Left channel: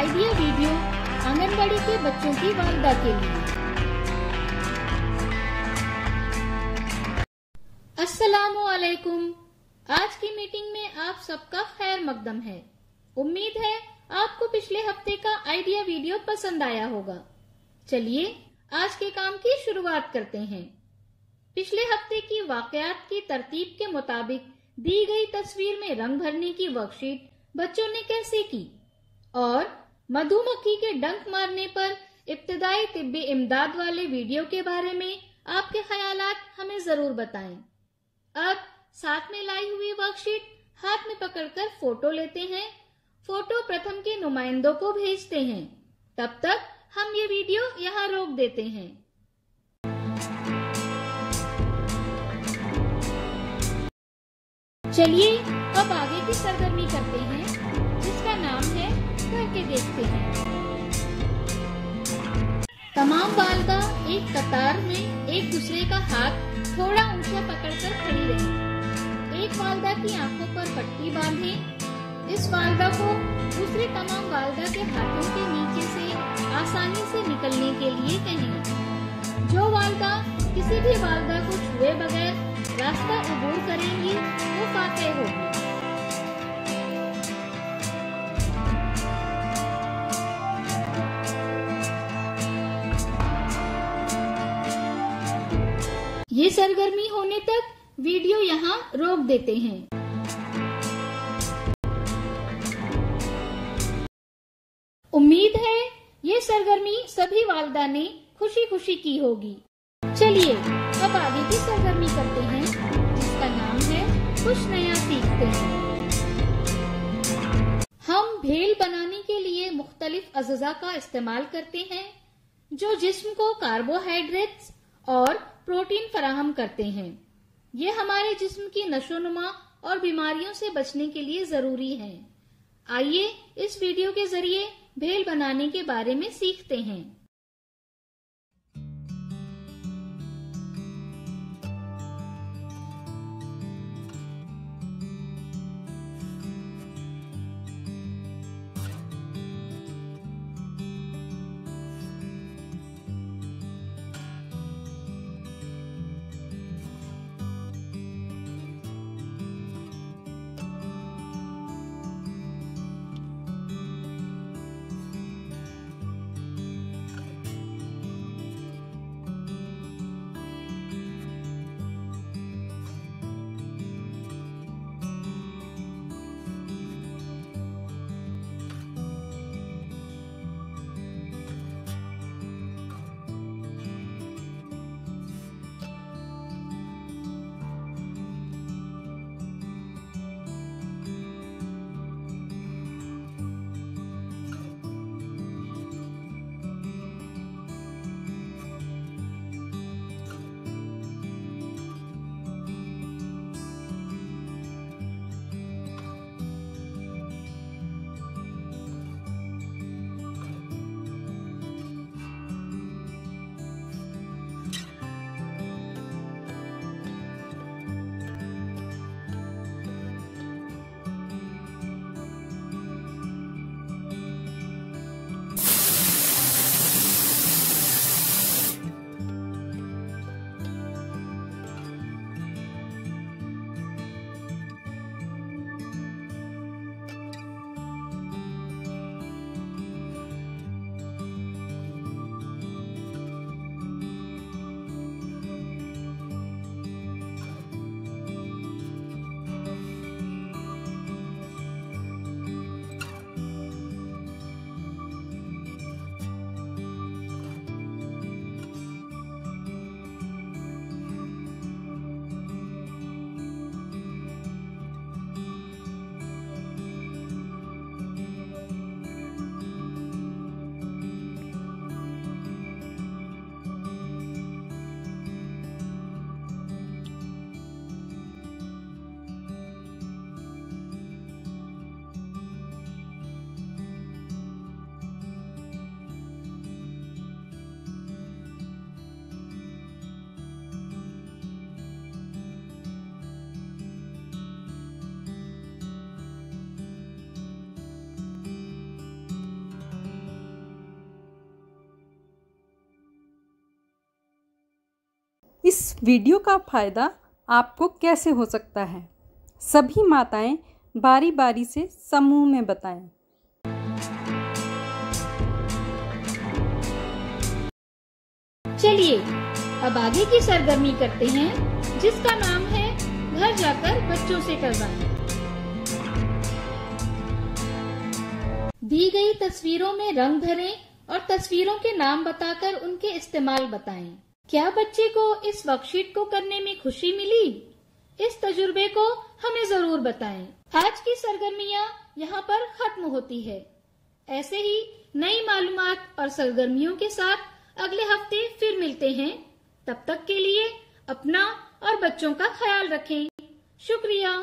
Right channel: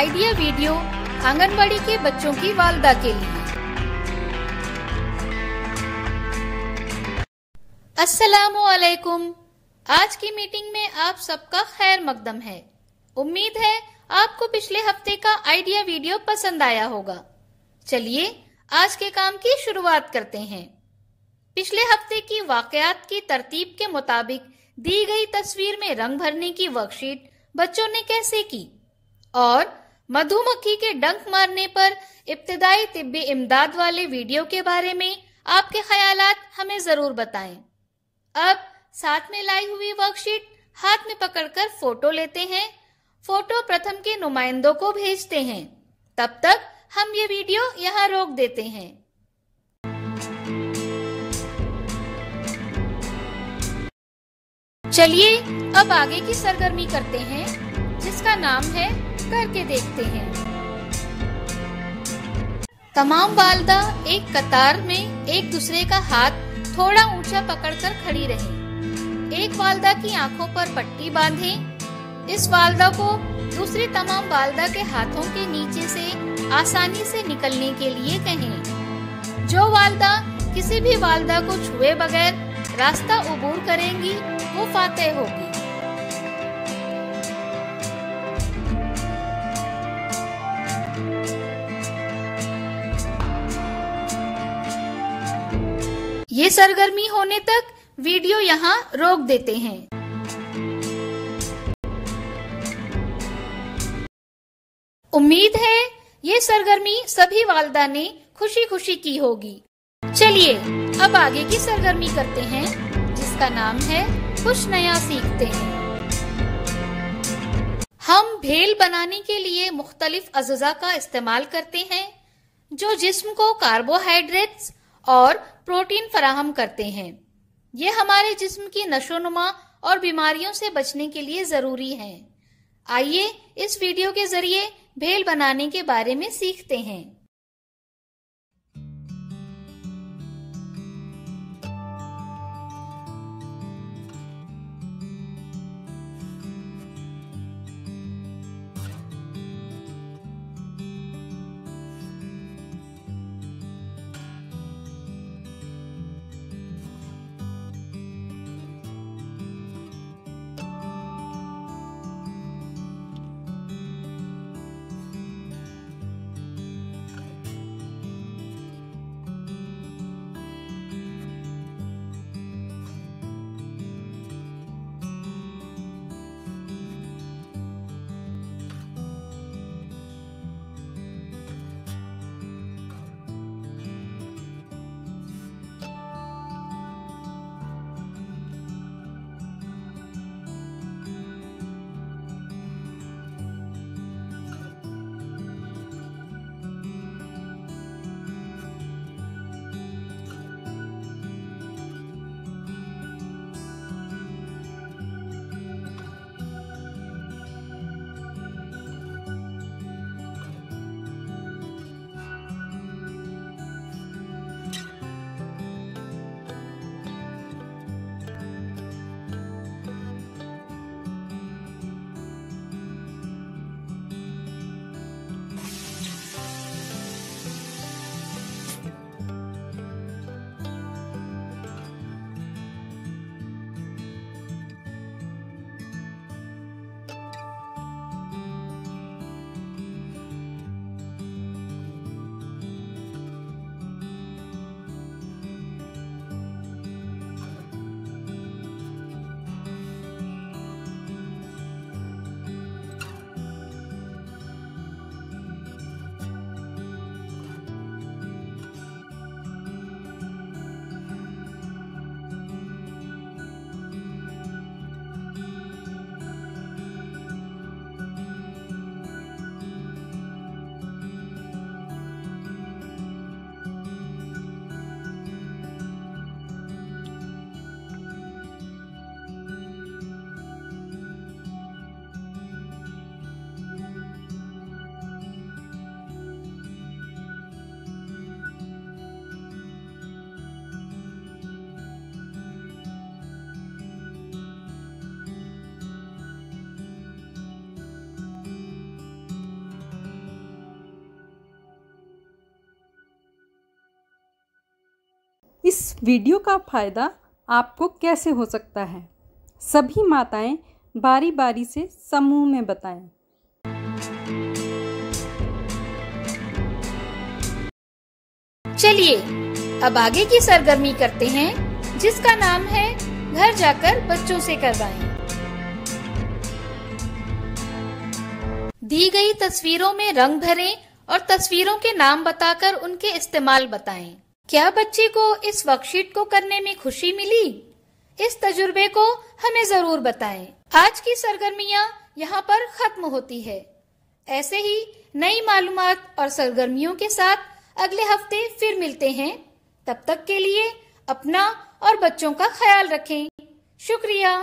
Idea video anganwadi के बच्चों की वालदा के लिए। अस्सलामु अलैकुम। आज की मीटिंग में आप सबका खैर मकदम है। उम्मीद है आपको पिछले हफ्ते का आइडिया वीडियो पसंद आया होगा। चलिए आज के काम की शुरुआत करते हैं। पिछले हफ्ते की वाकयात की तरतीब के मुताबिक दी गई तस्वीर में रंग भरने की वर्कशीट बच्चों ने कैसे की और मधुमक्खी के डंक मारने पर इब्तिदाई तिब्बी इमदाद वाले वीडियो के बारे में आपके ख्यालात हमें जरूर बताएं। अब साथ में लाई हुई वर्कशीट हाथ में पकड़कर फोटो लेते हैं। फोटो प्रथम के नुमाइंदों को भेजते हैं। तब तक हम ये वीडियो यहाँ रोक देते हैं। चलिए अब आगे की सरगर्मी करते हैं, जिसका नाम है करके देखते हैं। तमाम वालदा एक कतार में एक दूसरे का हाथ थोड़ा ऊंचा पकड़कर खड़ी रही। एक वालदा की आंखों पर पट्टी बांधें। इस वालदा को दूसरी तमाम वालदा के हाथों के नीचे से आसानी से निकलने के लिए कहें। जो वालदा किसी भी वालदा को छुए बगैर रास्ता अबूर करेंगी वो फातेह होगी। ये सरगर्मी होने तक वीडियो यहाँ रोक देते हैं। उम्मीद है ये सरगर्मी सभी वालिदा ने खुशी खुशी की होगी। चलिए अब आगे की सरगर्मी करते हैं, जिसका नाम है कुछ नया सीखते हैं। हम भेल बनाने के लिए मुख्तलिफ अज़्ज़ा का इस्तेमाल करते हैं जो जिस्म को कार्बोहाइड्रेट्स और प्रोटीन फराहम करते हैं। ये हमारे जिस्म की नशोनुमा और बीमारियों से बचने के लिए जरूरी हैं। आइए इस वीडियो के जरिए भेल बनाने के बारे में सीखते हैं। इस वीडियो का फ़ायदा आपको कैसे हो सकता है, सभी माताएं बारी बारी से समूह में बताएं। चलिए अब आगे की सरगर्मी करते हैं, जिसका नाम है घर जाकर बच्चों से करवाएं। दी गई तस्वीरों में रंग भरें और तस्वीरों के नाम बताकर उनके इस्तेमाल बताएं। क्या बच्चे को इस वर्कशीट को करने में खुशी मिली? इस तजुर्बे को हमें जरूर बताएं। आज की सरगर्मियां यहाँ पर खत्म होती है। ऐसे ही नई मालूमात और सरगर्मियों के साथ अगले हफ्ते फिर मिलते हैं। तब तक के लिए अपना और बच्चों का ख्याल रखें। शुक्रिया।